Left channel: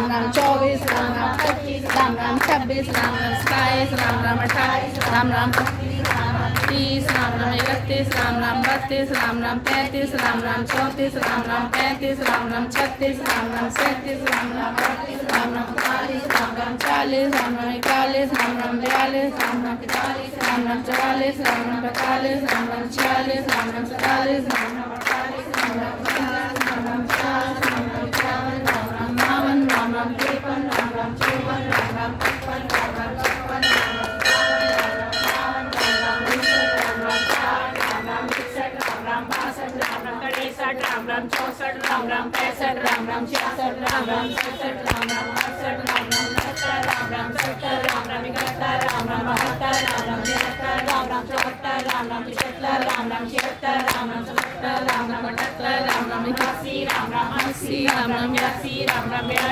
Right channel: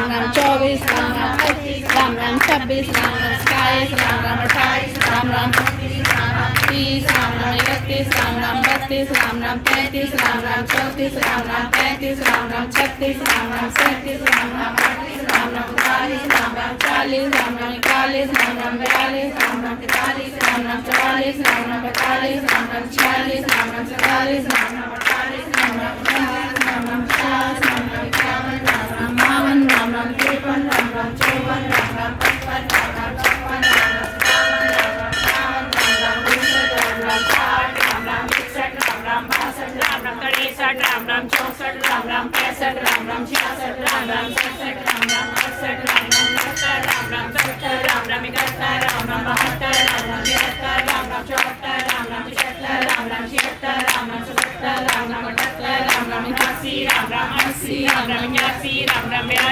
Ram Ram 24 Ram Ram 25 Ram Ram 26 Ram Ram 27 Ram Ram 28 Ram Ram 30 Ram Ram 31 Ram Ram 32 Ram Ram 33 Ram Ram 34 Ram Ram 35 Ram Ram 36 Ram Ram 37 Ram Ram 38 Ram Ram 39 Ram Ram 40 Ram Ram 41 Ram Ram 42 Ram Ram 43 Ram Ram 44 Ram Ram 45 Ram Ram 46 Ram Ram 47 Ram Ram 48 Ram Ram 49 Ram Ram 50 Ram Ram 51 Ram Ram 52 Ram Ram 53 Ram Ram 54 Ram Ram 55 Ram Ram 56 Ram Ram 63 Ram Ram 64 Ram Ram 65 Ram Ram 66 Ram Ram 67 Ram Ram 68 Ram Ram 69 Ram Ram 70 Ram Ram 71 Ram Ram 72 Ram Ram 73 Ram Ram 74 Ram Ram 75 Ram Ram 76 Ram Ram 77 Ram Ram 78 Ram Ram 81 Ram Ram 80 Ram Ram 82 Ram Ram 82 Ram Ram 83 Ram Ram 84 Ram Ram 85 Ram Ram 86 Ram Ram 87 Ram Ram 88 Ram Ram 89 Ram Ram 90 Ram Ram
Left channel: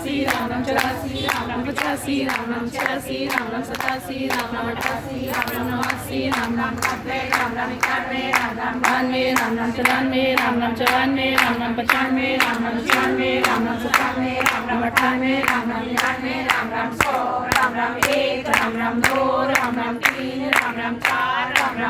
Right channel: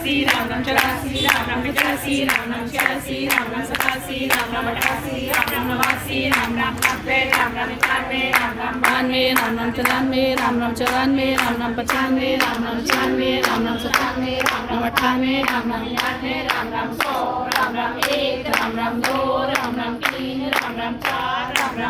91 Ram Ram 92 Ram Ram 93 Ram Ram 94 Ram Ram 95 Ram Ram 96 Ram Ram 97 Ram Ram 98 Ram Ram 99 Ram Ram 100 Ram Ram 1 Ram Ram 2 Ram Ram 3 Ram Ram 4 Ram Ram